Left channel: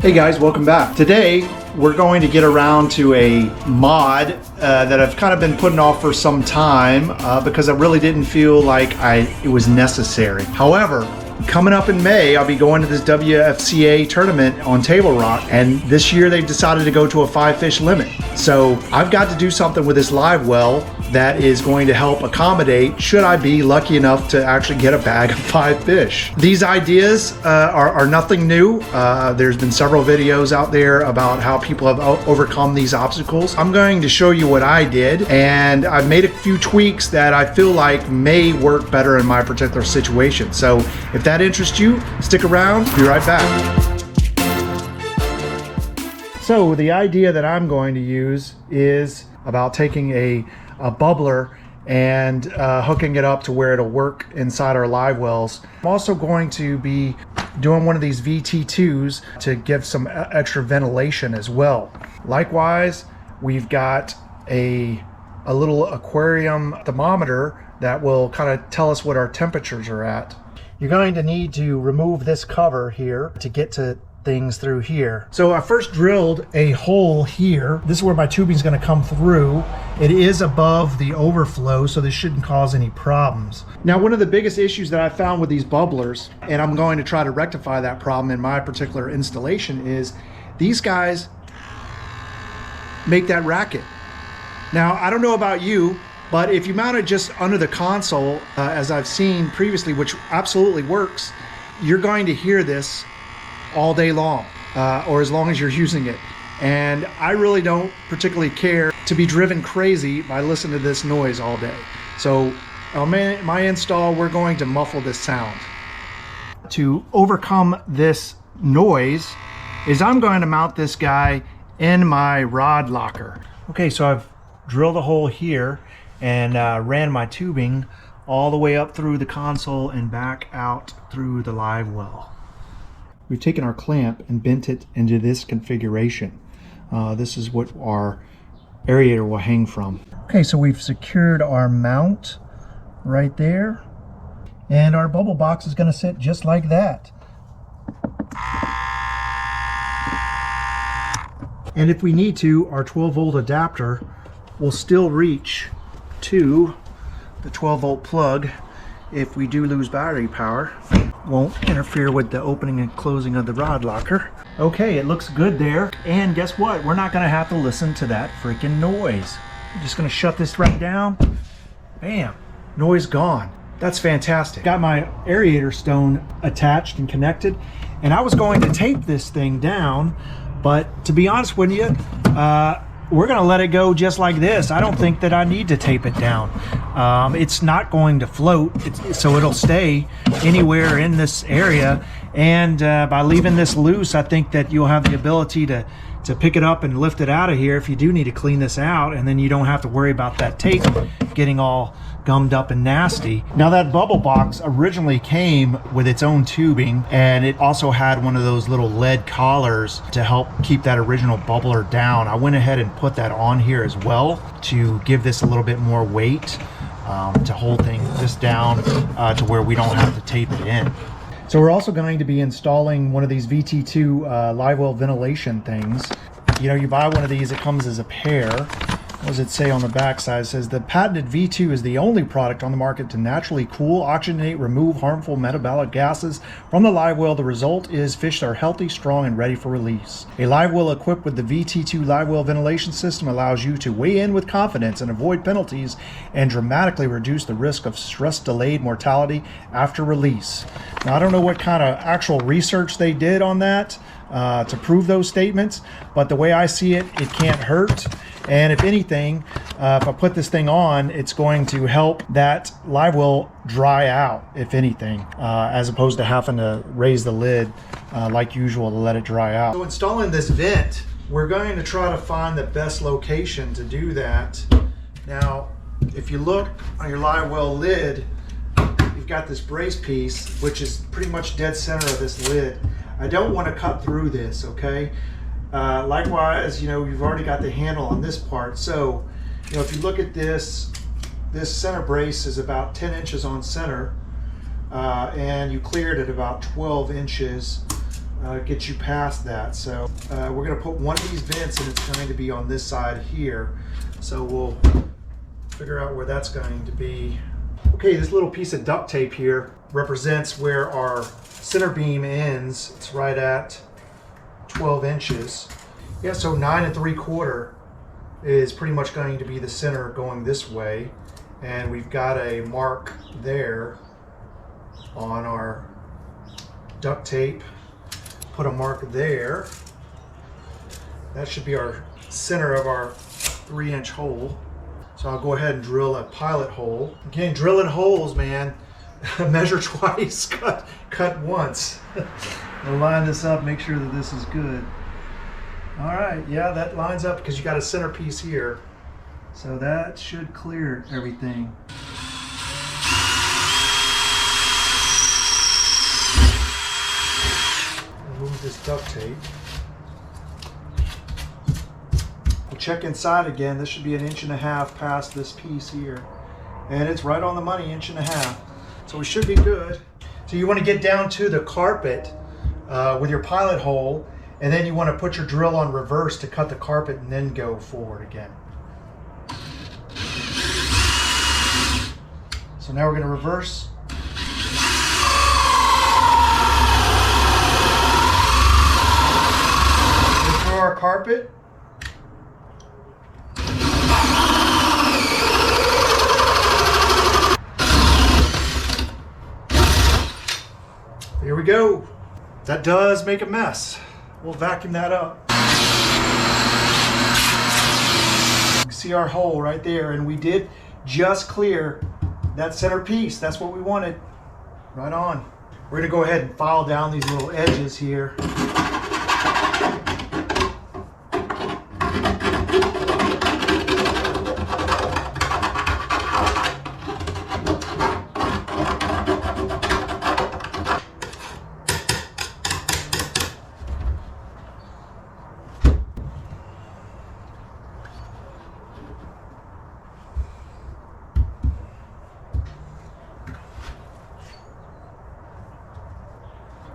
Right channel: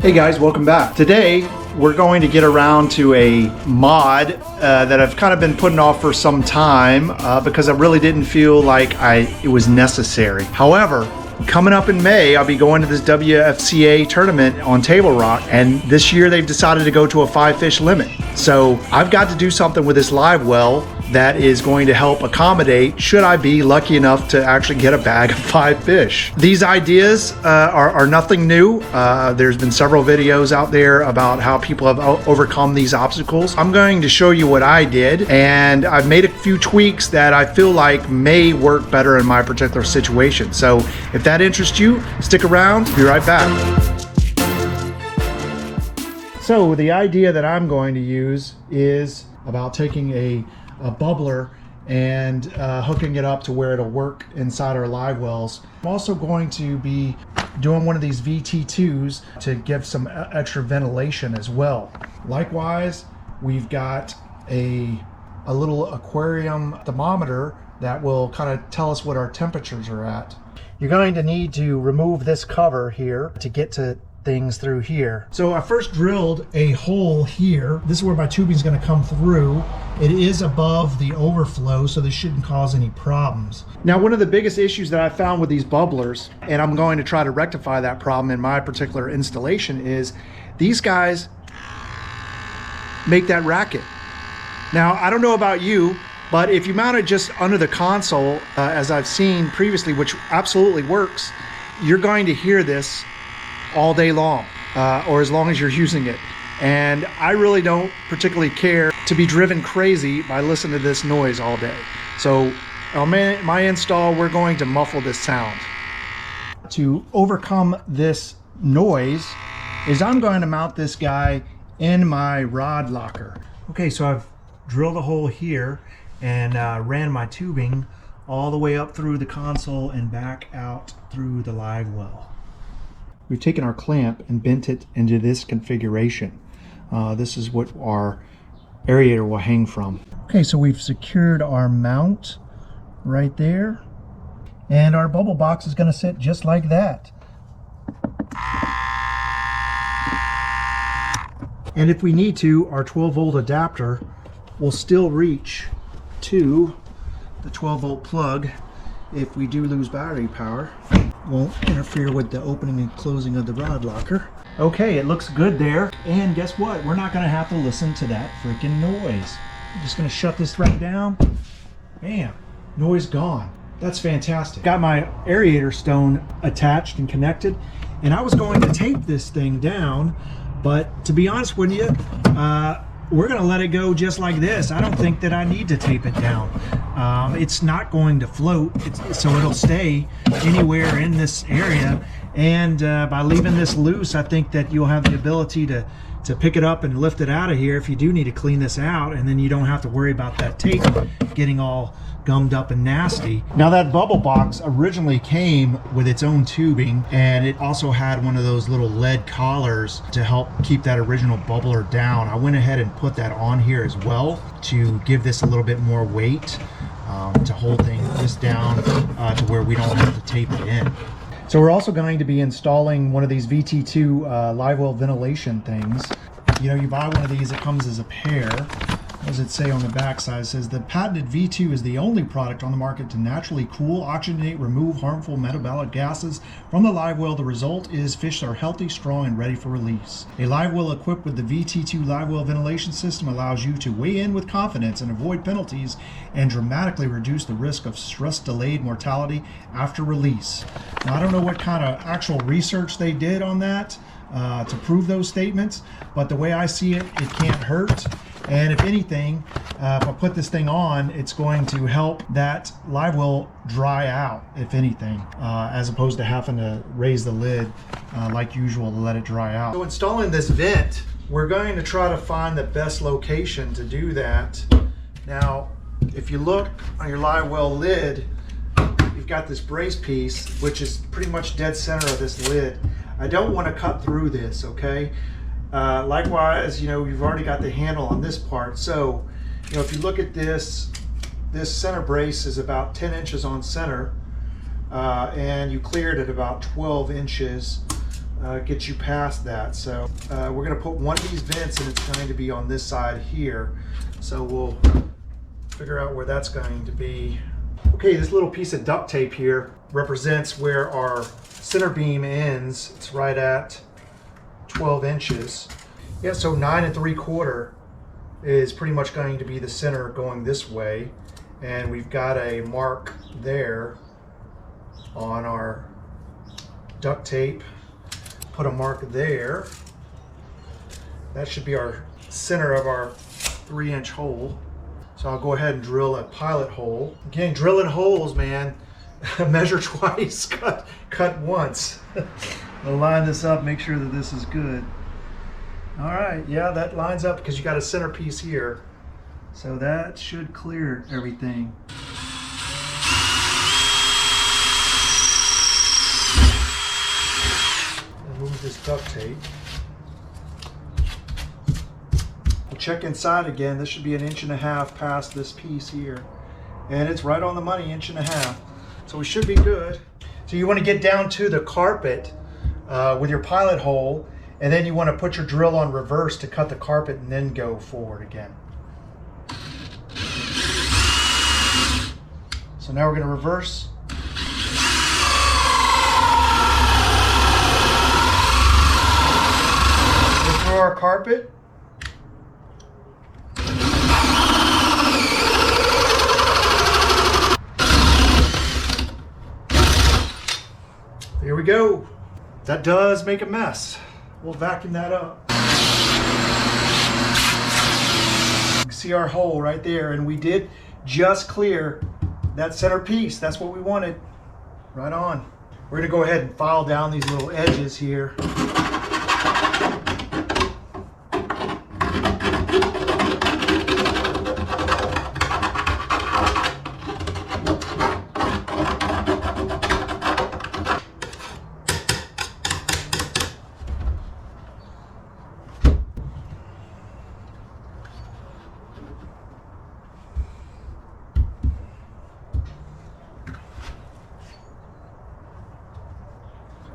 Hey guys, welcome back. Today we're going to get around to a mod that I've kind of been putting off for some time because I really didn't feel like it was necessary. However, coming up in May, I'll be going to this WFCA tournament on Table Rock, and this year they've decided to go to a 5-fish limit. So I've got to do something with this Livewell that is going to help accommodate should I be lucky enough to actually get a bag of 5 fish. These ideas are nothing new. There's been several videos out there about how people have overcome these obstacles. I'm going to show you what I did, and I've made a few tweaks that I feel like may work better in my particular situation. So if that interests you, stick around. Be right back. So the idea that I'm going to use is about taking a bubbler and hooking it up to where it'll work inside our live wells. I'm also going to be doing one of these VT2s to give some extra ventilation as well. Likewise, we've got a little aquarium thermometer that will kind of tell us what our temperatures are at. You're going to need to remove this cover here to get to things through here. So I first drilled a hole here. This is where my tubing is going to come through. It is above the overflow, so this shouldn't cause any problems. Now, one of the biggest issues that I found with these bubblers, and I'm going to try to rectify that problem in my particular installation, is these guys make that racket. Now, I don't know about you, but if you mount it just under the console, as I've seen previously, which absolutely works, you're going to hear this all day long, or as long as you're using it. And I really don't particularly care to be driven crazy by listening to this noise all day. So on my install, we're going to muffle this sound. To overcome this noise is I'm going to mount this guy in my rod locker. Okay, so I've drilled a hole here and ran my tubing all the way up through the console and back out through the live well. We've taken our clamp and bent it into this configuration. This is what our aerator will hang from. Okay, so we've secured our mount right there. And our bubble box is going to sit just like that. And if we need to, our 12-volt adapter will still reach to the 12-volt plug. If we do lose battery power, won't interfere with the opening and closing of the rod locker. Okay, it looks good there. And guess what? We're not gonna have to listen to that freaking noise. I'm just gonna shut this right down. Bam, noise gone. That's fantastic. Got my aerator stone attached and connected, and I was going to tape this thing down, but to be honest with you, we're gonna let it go just like this. I don't think that I need to tape it down. It's not going to float, so it'll stay anywhere in this area. And by leaving this loose, I think that you'll have the ability to pick it up and lift it out of here if you do need to clean this out, and then you don't have to worry about that tape getting all gummed up and nasty. Now, that bubble box originally came with its own tubing, and it also had one of those little lead collars to help keep that original bubbler down. I went ahead and put that on here as well to give this a little bit more weight, to hold this down to where we don't have to tape it in. So we're also going to be installing one of these VT2 Livewell ventilation things. You know, you buy one of these, it comes as a pair. What does it say on the back side? It says the patented V2 is the only product on the market to naturally cool, oxygenate, remove harmful metabolic gases from the live well. The result is fish are healthy, strong, and ready for release. A live well equipped with the VT2 live well ventilation system allows you to weigh in with confidence and avoid penalties and dramatically reduce the risk of stress-delayed mortality after release. Now, I don't know what kind of actual research they did on that to prove those statements, but the way I see it, it can't hurt. And if anything, if I put this thing on, it's going to help that live well dry out, if anything, as opposed to having to raise the lid like usual to let it dry out. So installing this vent, we're going to try to find the best location to do that. Now, if you look on your live well lid, you've got this brace piece, which is pretty much dead center of this lid. I don't want to cut through this, okay? Likewise, you know, you've already got the handle on this part. So, you know, if you look at this center brace is about 10 inches on center, and you cleared at about 12 inches get you past that. So we're going to put one of these vents, and it's going to be on this side here. So we'll figure out where that's going to be. Okay, this little piece of duct tape here represents where our center beam ends. It's right at 12 inches. Yeah, so 9 3/4 is pretty much going to be the center going this way. And we've got a mark there on our duct tape. Put a mark there. That should be our center of our 3-inch hole. So I'll go ahead and drill a pilot hole. Again, drilling holes, man. Measure twice, cut once. And line this up, make sure that this is good. All right, yeah, that lines up because you got a centerpiece here. So that should clear everything. Remove this duct tape. Check inside again. This should be 1.5 inches past this piece here. And it's right on the money, 1.5 inches. So it should be good. So you want to get down to the carpet with your pilot hole, and then you want to put your drill on reverse to cut the carpet and then go forward again. So now we're going to reverse. Go through our carpet. Here we go. That does make a mess. We'll vacuum that up. You can see our hole right there, and we did just clear that center piece. That's what we wanted. Right on. We're gonna go ahead and file down these little edges here.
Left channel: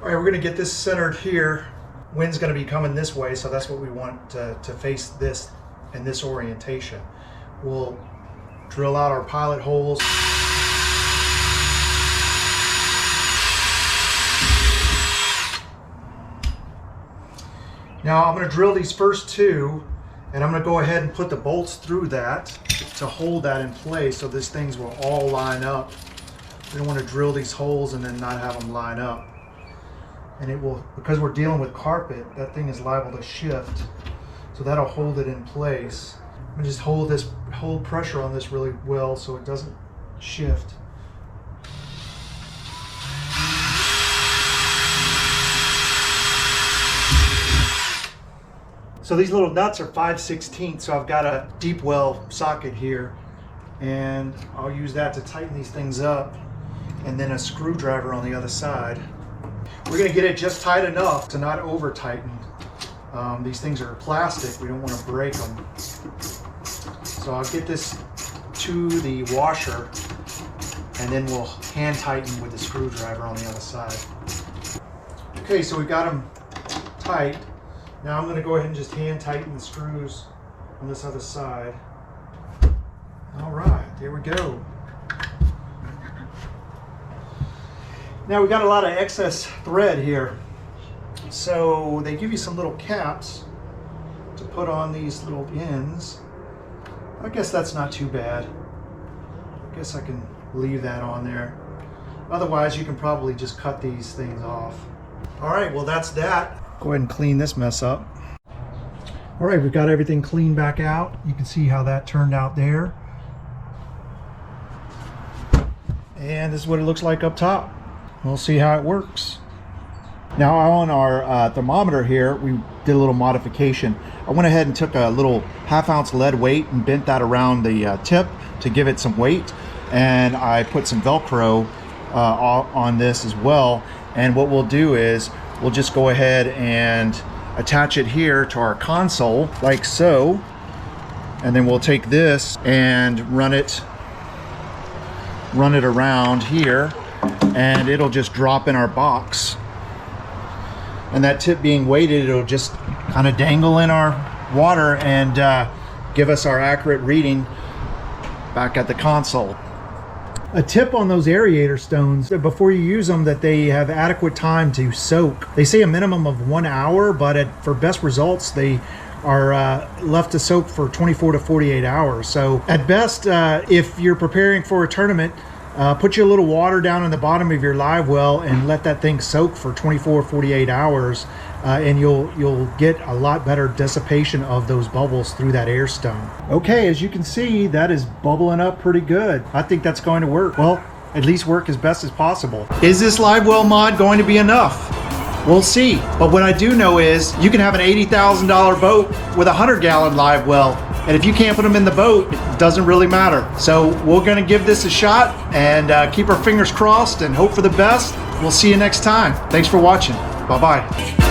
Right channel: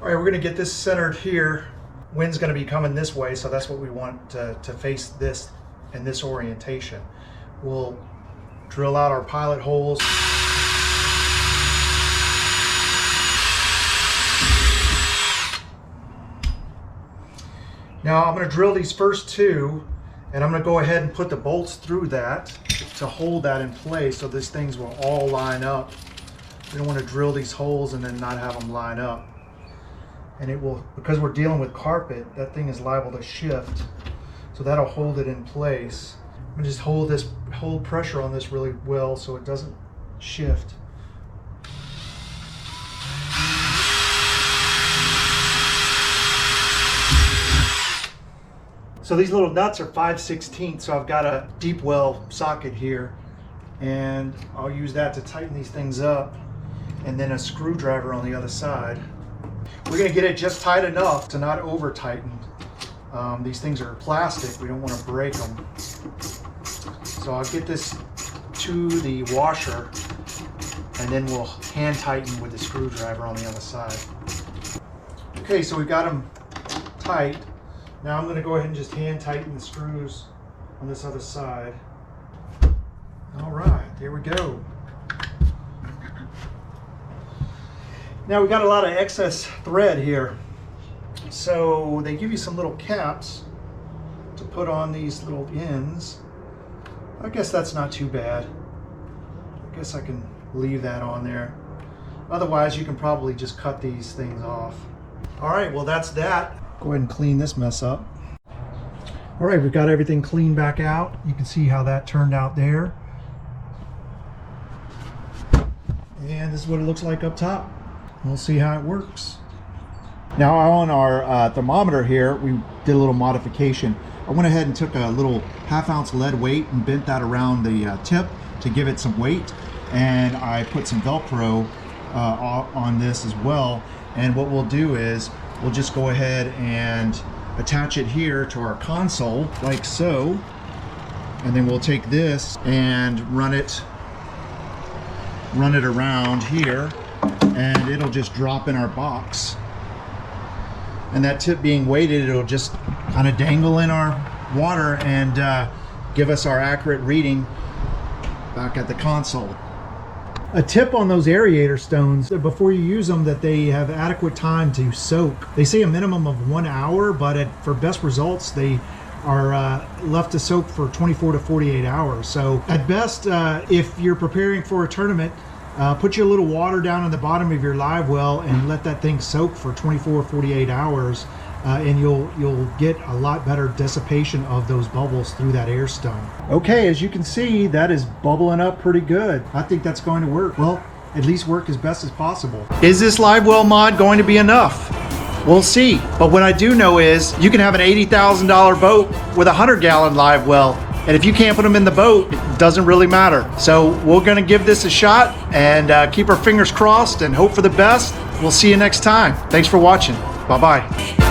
All right, we're going to get this centered here. Wind's going to be coming this way, so that's what we want to face this in this orientation. We'll drill out our pilot holes. Now I'm going to drill these first two, and I'm going to go ahead and put the bolts through that to hold that in place so these things will all line up. We don't want to drill these holes and then not have them line up. And it will, because we're dealing with carpet, that thing is liable to shift. So that'll hold it in place. We just hold pressure on this really well so it doesn't shift. So these little nuts are 5/16, so I've got a deep well socket here, and I'll use that to tighten these things up, and then a screwdriver on the other side. We're going to get it just tight enough to not over tighten. These things are plastic, we don't want to break them. So I'll get this to the washer, and then we'll hand tighten with the screwdriver on the other side. Okay, so we've got them tight. Now I'm going to go ahead and just hand tighten the screws on this other side. All right, there we go. Now we got a lot of excess thread here. So they give you some little caps to put on these little ends. I guess that's not too bad. I guess I can leave that on there. Otherwise you can probably just cut these things off. All right, well that's that. Go ahead and clean this mess up. All right, we've got everything cleaned back out. You can see how that turned out there. And this is what it looks like up top. We'll see how it works. Now on our thermometer here, we did a little modification. I went ahead and took a little 1/2 ounce lead weight and bent that around the tip to give it some weight. And I put some Velcro on this as well. And what we'll do is we'll just go ahead and attach it here to our console like so. And then we'll take this and run it around here, and it'll just drop in our box. and that tip being weighted, it'll just kind of dangle in our water and give us our accurate reading back at the console. A tip on those aerator stones, before you use them, that they have adequate time to soak. They say a minimum of 1 hour, but for best results, they are left to soak for 24 to 48 hours. So at best, if you're preparing for a tournament, put your little water down in the bottom of your live well and let that thing soak for 24 48 hours, and you'll get a lot better dissipation of those bubbles through that air stone. Okay, as you can see, that is bubbling up pretty good. I think that's going to work. Well, at least work as best as possible. Is this live well mod going to be enough? We'll see. But what I do know is you can have an $80,000 boat with a 100-gallon live well. And if you can't put them in the boat, it doesn't really matter. So we're gonna give this a shot and keep our fingers crossed and hope for the best. We'll see you next time. Thanks for watching. Bye-bye.